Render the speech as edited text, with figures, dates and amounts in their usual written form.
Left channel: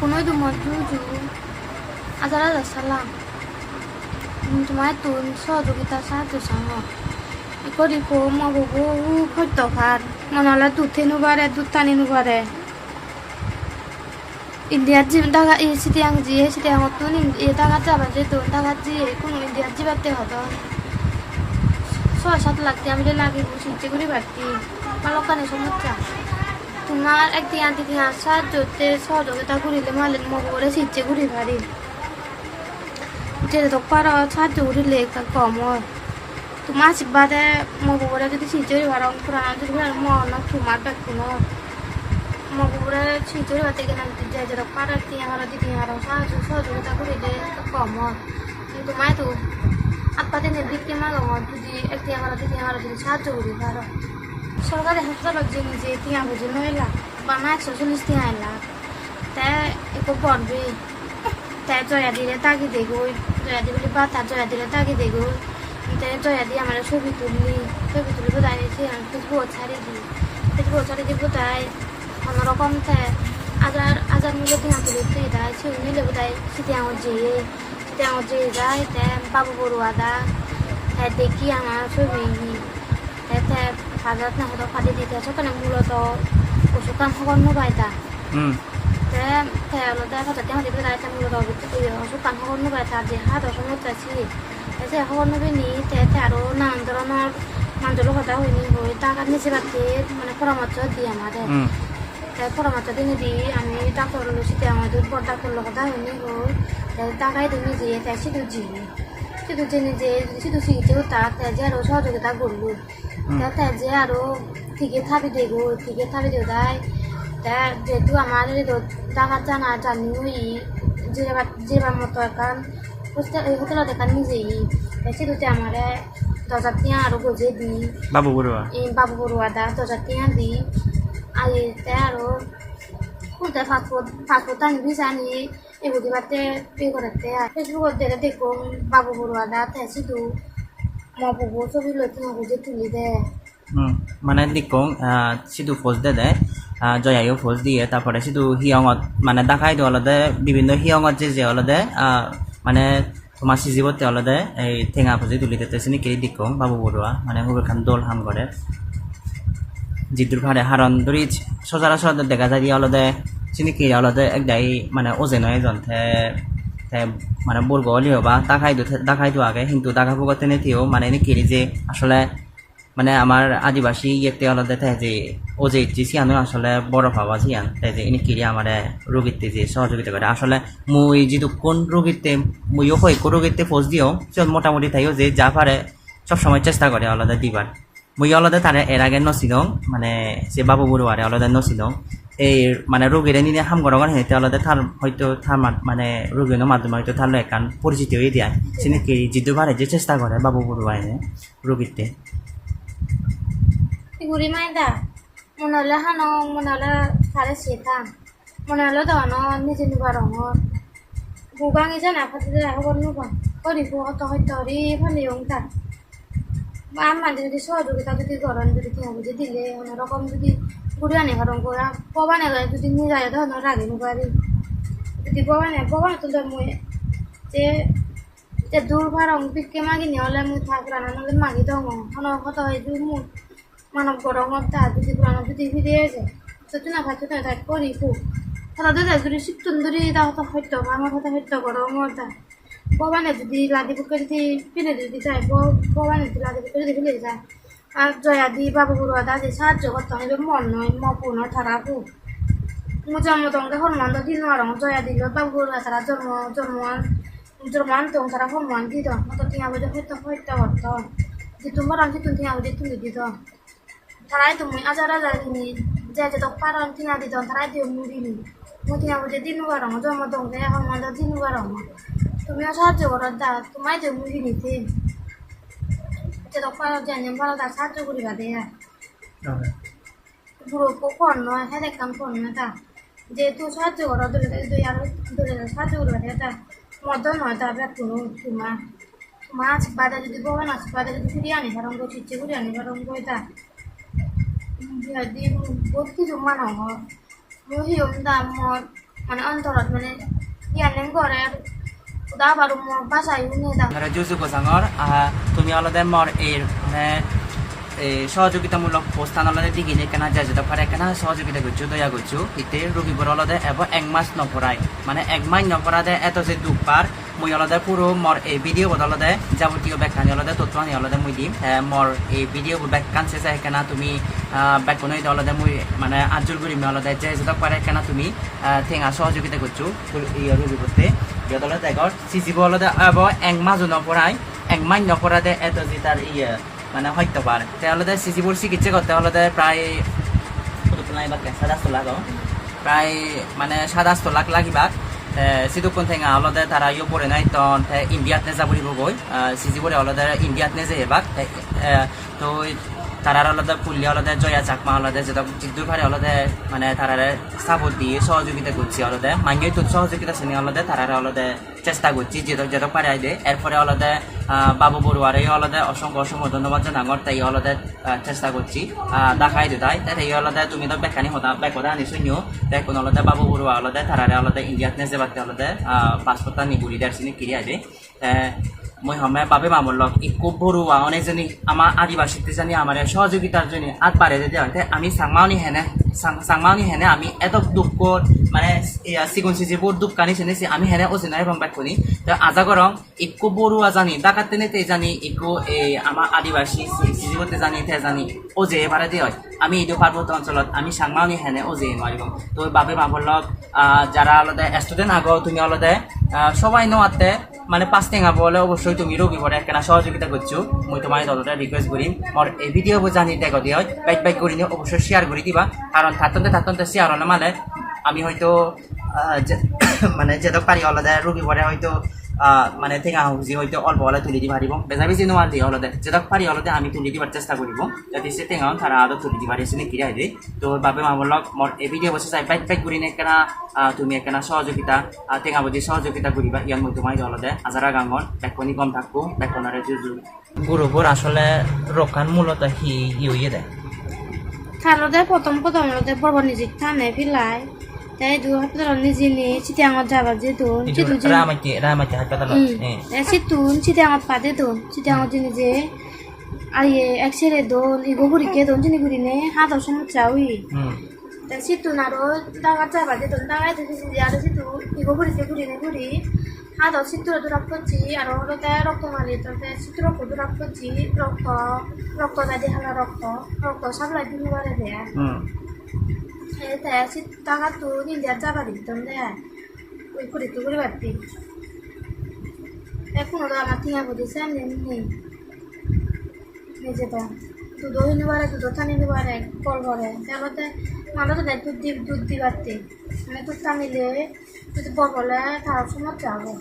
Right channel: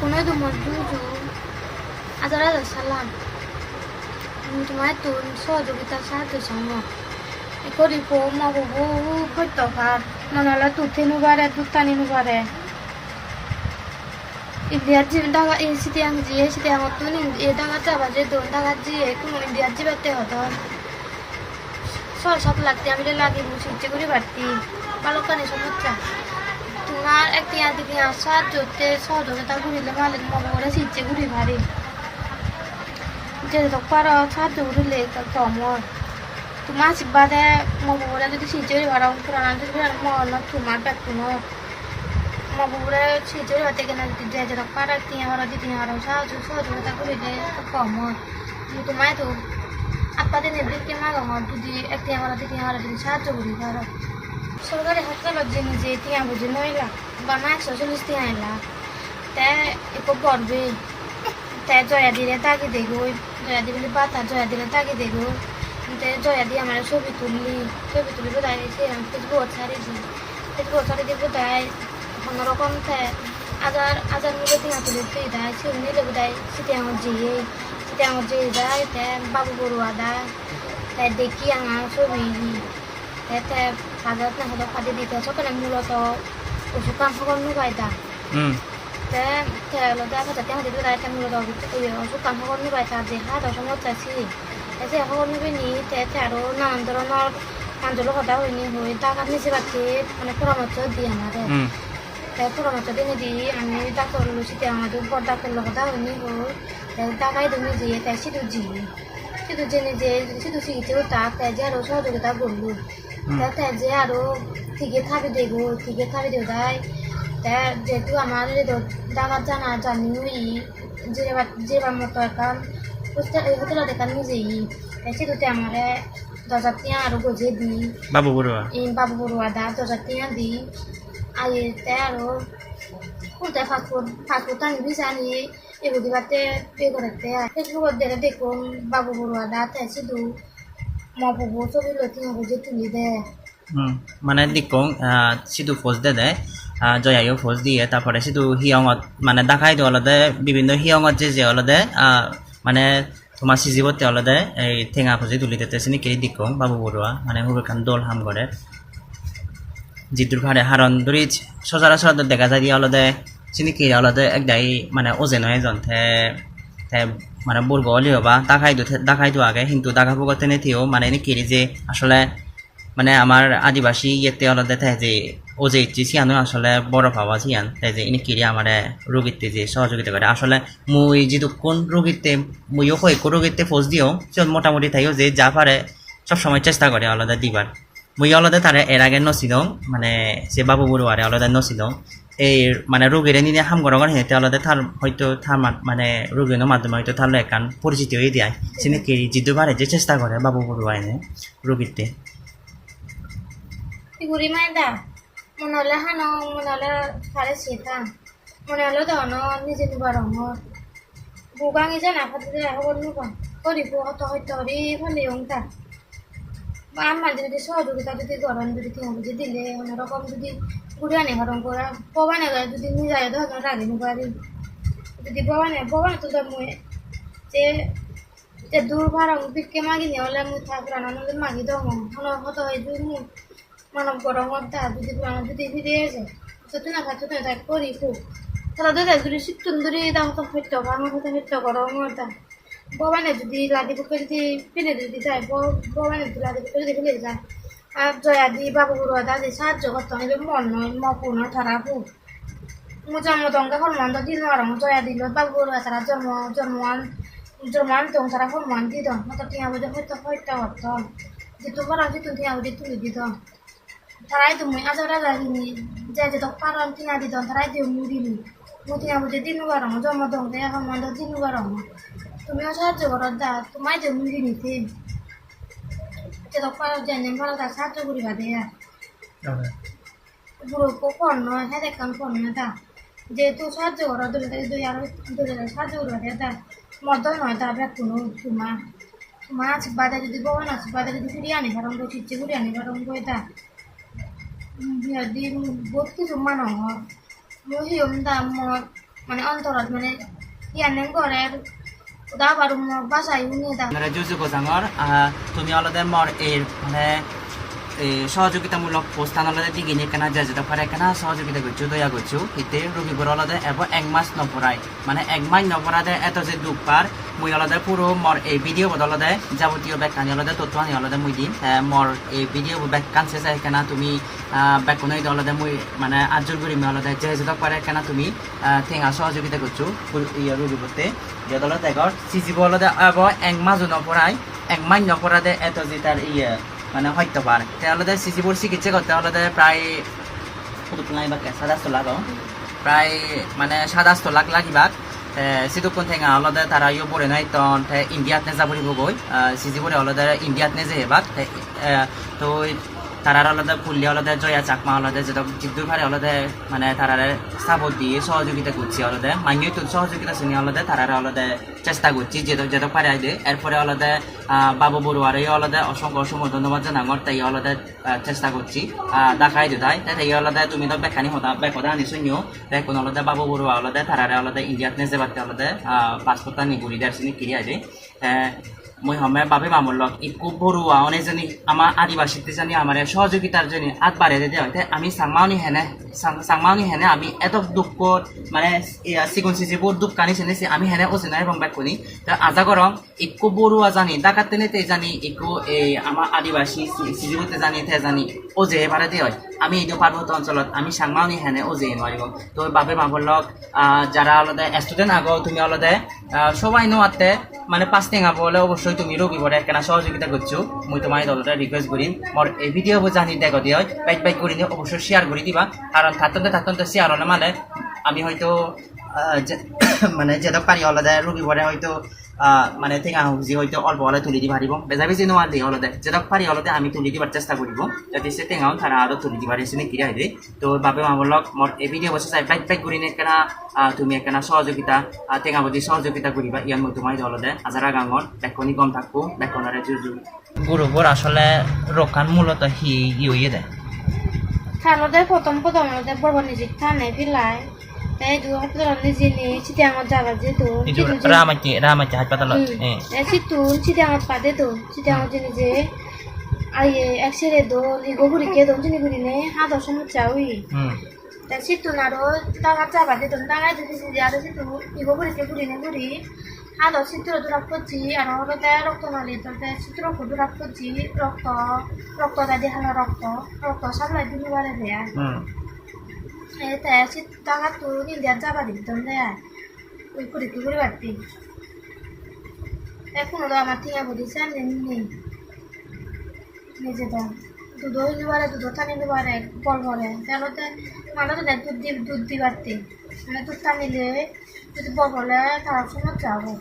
কোনোই তোমার জুজু আজার আজার সালাম তোমার তুন সহযোগিতা সাহায্য সঙ্গ করিকো মগবো ফট্টকার নাহলে দুধে নুবারে দুধ টানি নুবারে ইন্ডিয়ার জি দাগা এই সিটিয়াং জি সিটিয়াং তুন এ দাগা যাবা যে দোন দাগা জি কোনো ইন্ডিয়ার জি বাতে হতো 6-7 লাখ আমি লাগে বসে করে বাড়তি পালকানি সমস্যা তোমার একদিন আদিকে আসা যোতে সহযোগিতা করিলে মালিক মগরে সিচ্ছে ঘুরি ভারি যে তো পারো সাহায্য করিলে কম তোমার আশীর্বাদে মগরে যদি সিচ্ছে ভাড়া পুরানা যদি মন তোমার ব্যাকুন মগরে সিচ্ছে ভাতে কেন যে যে পারা কি আমার দিদি আর সাহায্য সহযোগিতা করিলে কম তোমায় তো আপনাদের নিবৃত্তি মাগম যদি একটি আমার দিদি আমার যদি সাহায্য করি ভালো সরকারি হাসপাতাল যে নিজে টিয়া বুঝি 9 লাখ বা 140 টিয়া আইলা তাই একটু পড়বে তাই জয়া দিলে তাকে দেখো জয়া দিলে বাতা জয়া দিলে তাকে দেখো তাই জয়া দিয়ে আমার ছবি তুলি বোধহয় ফেসবুক ছাড়িয়েছি ফেসবুক ছাড়িয়ে বোধহয় অন্যরকম তাই আজার মূল্য টিয়া তুলে তুই দেয় ছবি মিলে বোধহয় সিটি আমার যেয়ে যায় তাই বাবু বড়ুয়া দা তাই দেখি আমার ছবি তাই বাজারত না হতো ফাটি দিতে সকালে মূলত ওষুধ কাম খবর নবাই দা মূলত ওষুধ কাম খবর নবাই তা যে হাত সমস্যা ছিল সে খবর নেবে নি আরো নানান ধরনের মানুষের কথা হয়নি হয়ে টাকা নিচে বাড়তে মানে পরামর্শ দিই আমাদের তাই পরামর্শ দিয়ে দিই আমি ডাক্তার লুচিতে আমাদের বড় ডাক্তার কথা হয়নি হয়ে টাকাই তুমি দিয়ে তাই শুধু জেনে যে শুধু চিকিৎসা তাক তাই যে আরো সহযোগিতা করলো তাই যে আরো ঠিকই থাকি দেবো তাই যেহেতু আমার টাকা জানা জানি যেবার মতো এখন হোটেল দেখার নিজেই তাই সেটাতে আমার 10,000 টিয়া আরো গজে দিই বাবু বড়ুয়া দা 10,000 টিয়া দিই আইয়ে তাই আরো কোথায় পাসপোর্ট আনি ভিসা নিয়ে এগুলি বাতে পে করতে ফেসবুকত দিলে দেখুন বাবু বড়ুয়া দা তাই শুধু মবু ছবি লইতে বুঝে তুলি দে মানে দেখুন শুধু পোস্ট দে জয়াইও পোস্ট দিয়ে তারপরে শুধু হিয়ঙত মানে দেখাই দিও অলদে বিভিন্ন হিয়ঙত যে অলদে মানে তোমার সিজিবতে অলদে এই ঠেঙা ফুজি তুলি দিতে চিনি কেড়ি দেখুন বাবু বড়ুয়া মানে হুবেখান দোল হাম করে জিতুর ভাড়ে হারন ধরি সচরাচর দেখা যায় দিয়ে অলদে চিনি কেড়ি অলদে একদাই মানে ওজেন হয় যন্থে মানে বর্গ হলেও বা দেখাই দিও আগে কিন্তু দেখা ভোগতে নেতিও মানে এনে কেড়ি যে আসলে মানে আমার আদিবাসী ইয়েতে অলদে তাই যে ও যে ইচ্ছি সিয়ানো আসলে বড় ভাবা সিয়ান তাই যে এনে কিরি আমার রোগীতে যে সহযোগিতা করে আসলে মুই যেহেতু কোন রোগীতে মুইও কই কোন রোগীতে পোস্ট দিও সে মোটামুটি তাইও যে যা পারে সবসময় চেষ্টা করে আলাদা দিবার মুই আলাদা তারে এর আগে নছিল মানে সে বাবু বড়ুয়ারে আলাদা নছিল এই মানে রোগীর নিয়ে হাম গরম হেঁটে আলাদা তার হয়তো তার মানে রোগীর মাধ্যমে হয়তো তার একান পরিচিতি হয়ে দেয় সে নাকি যেহেতু পারে যে চেষ্টা করে বাবু বড়ুয়া এনে রোগীতে গুড়ি মাইদা মনে হলে হানো মনে হলে সারে সেতাম মনে হলে তখন নিজে নিবার বুগাঙি জানা ফাতে খবর নুবা করিব হত হয়তো হরি ভালো ওটা আমার যদি সহযোগিতা যদি গরম যদি তুমি বুঝে দিলে অন্যরকম যদি গুড়ি আনি গরম করা পবানে যদি নিয়ে যায় তখন রাগে নিবারি যদি পবানে তো মই যে দূর ভাড়া বিকে মাগি নিয়ে হলে মুই থাকরা না মাগি দম হত হয় মুখ মানব গরমত তা যদি পুরানো যদি ফিরে যায় যদি না খাচ্ছ তাই করি খুব তারা দুধ যদি শীতন ধরি তা হতো হইতো আমার হতো হইতো গরমত তা ববানে যদি লাদি বুকে যদি ফিরে যদি যায় ববানে যদি লাদি বুকে যদি ফিরে যায় আর জয়া দি বাবু বড়ুয়া দা যে সাহায্য করতে হবে মন নয় মপুন ঠারাপু মু জন্মতঙ্গে হরমন্দ দিন আর জয়া দিল বাবু বড়ুয়া তারা জন্মান তো তারা হরমান দিত মতো টিয়া বুঝে হইতো হইতো হতো যে তোমার আছে তুমি টিয়া বুঝে তুলে দিত তারাই তুমি আজারা জানি যে তো পারন টিয়া দিত তারাই দিও মুড়িনি মু টিয়া বুঝে দিন বারং জন্মতঙ্গে হরমন্দ দিন বারং তুমিও সাহায্য করো দা তোমায় যে মুড়ি নিতে যে তো পারো জানি ভালো তা সাহায্য করিবা দে বুড়ো ফোন নয় হ্যাঁ দেখতাম ফোন না তা যেহেতু সাহায্য করো দলে সাহায্য করিবা দে তা মদ নয় তা কোনো তোমার আশীর্বাদে যদি ববেন আশীর্বাদে যদি ফিরিয়ে আনি কারণ বলছি ইচ্ছে করি আনি কারণ বই তা বহুত কিছু মানুহ মহিম দা মানে অন্তরত মানে ইয়ানে ঘরের দা বারো বাসায় নিয়ে দাও আপনারা জুজু গোসাঙর তুমি অলদে মর এর মানে এই সহযোগিতামূলক প্রস্থান অলদে দিগিনে কেনা যা যেতে পারে কেনা সহযোগিতা করছো দয়া করছো ইতে রোগীবোৰ অলদে এবং 1 মাস নপরায় মানে 1 মাস নপরাদে এত যে দুঃখ পার মই অলদে পুরো মর এই ভিডিও বদলদে যাবতীয় ব্যাখ্যানি অলদে তথ্য আনি অলদে মই দিম মর এই ভিডিও ব্যাখ্যান শেষে কেনা তুমি ব্যাখ্যানই অলদে মই মানে আজল করি অলদে যে যেতে পারে কেনা তুমি ঠেঙা সহযোগিতা করছো রোগী করতে অলদে দেখর সিজিব অলদে এবং 1 মাস নপরায় 1 মাস নপরাদে এত যে তার মানে হয়তো পারে তাহলে সিজিবুর চিকিৎসা করতে হলে প্রায় $7 লাখ প্রায় মানে $7 লাখ লাগিবাক সিদুকুন ঠেঙা অলদে তারা ইয়ে পড়ে নাই তখন ইন্ডিয়াত নে যাবরিব গই সিজিবুরে অলদে ইন্ডিয়াত নে যে হেবাক তো তারার আলাদা ফুললি আলাদা জয়া চাকমা আলাদা যেটা জিদ্দুর ভারে আলাদা মানে তারারে সাপোর্ট দিয়ে সহযোগিতা করছি আলাদা মাইনই তো সহযোগিতা শ্রেণী আলাদা তারারে আলাদা চেষ্টা করছি যেটা পারে আইদে এরপরে আলাদা বাবু বড়ুয়ারই আলাদা অসংখ্য ধন্যবাদ জানাঙর তাই আলাদা চেষ্টা করছি দেখাই দিতাই তাই আলাদা তুমি তো বেকানি হতা বেকদা আনি শুনিও দেখুন আলাদা বাবু বড়ুয়া আলাদা তারারে আলাদা ইন্ডিয়াত নে যাবাতে আলাদা পাসপোর্টটা নিগুড়ি দার্সিনি কিরি আইদে মই হমে বাবে মামুর লগ একো বড়ুয়া অনেকজনী আমার আদিবাসীতে জানি আমার সহযোগিতার জন্য আগ বাড়ে দিতে হয় আমি সাংমাউনি হেনে আমি এত দুঃখ মানে সিগুন সিজিবোৰ দুঃখ কানি চিনেছি আমি হেনে অচিনাই রং বাক শুনি তো আজা করং একো বড়ুয়া জানি ডাকাতে নেতে জানি একো এই আমার আদিবাসী সিজিবতে জানি তে জানি ওজে এবারে দিয়ে হয় আমি এই পার্বত্য অঞ্চলত আমি সাংমাউনি হেনে ওজে নোৱাৰিব তো বাবে মামুর লগ যারা আলাদা স্টুডেন্ট আগো তুমি আলাদা সবাই নোয়াতে মানে 5 টেঙা বলে অবশ্যই তুমি রবিবারে একখানা সহযোগিতা করছো মই তোমার দলটা রিকোয়েস্ট করি মোর এই ভিডিও জানি দেখো দিয়ে বাইক করি নিয়ে অবশ্যই শেয়ার করে দিবা কারণ থাকতে শেয়ার হলে মানে আমি হয়তো মানে যেটা পারি আলাদা রবিবারে হয়তো মানে ঠেঙা হুজি হয়তো অল্প হলে তুলি দিব পারিব বেজা বেশি নোয়াল দিয়ে হলদে যেটা পারি হলদে আমি তুলি দিবার চেষ্টা করিব যাতে সে টেঙাও তারা আরো তুলি দিবার এসে কিরা হইবে তো বাবে মামুর লগ মোর এই ভিডিও বসে চাই বাইক করি নিয়ে কেনা তুমি একখানা সহযোগিতা টেঙা বুঝি সহযোগিতা করিবা ইয়ান মই তোমার হলদে আজারা গাঙর বেকনি কম থাকবো বেকনারে জুজু গরুবোৰ আসলে রক্ষান মূলত ইয়ে দেয় খালতে প্রথম বড় নিজে থানে ফিলাই তাই দু হাজার নিজে নিয়ে চিঠি আমার যাবার যেত রামাকে হাসপাতাল সিতুন চিঠি আমার পাতে তো চিঠি আমার নিজে আইয়ে একসিরে দোন ইগো ঘুরি কে দোন চিনি ঘুরি নে হাত সময় চাউই তা সিতুন আরো ডাঙা যাবার যেত ডাঙাই দিদি আরো সিতু ইগো ঘুরি কে ঘুরি নে ঘুরি হাত সিতুর দূরাক করছি আর হলো তাই রক্ত মালি তো তাই সিতুর দূরাক করছি রক্ত দাদি হালা রক্ত সাবলাই দিবি বারে দেয়া তাই টাকা তো নিজের যাবা দিতাম দেয় ওই করে বাড়তি এখনো তো আমার টিয়া বুঝেছে নেই নিজেটা দুধ হইনি পারে দুধ টানিতে পারে ফল ভরে তাহলে মানুষ দুধ দিবারতে মানে দুধ টানিলে যদি বল বলে তার সমস্যা হবে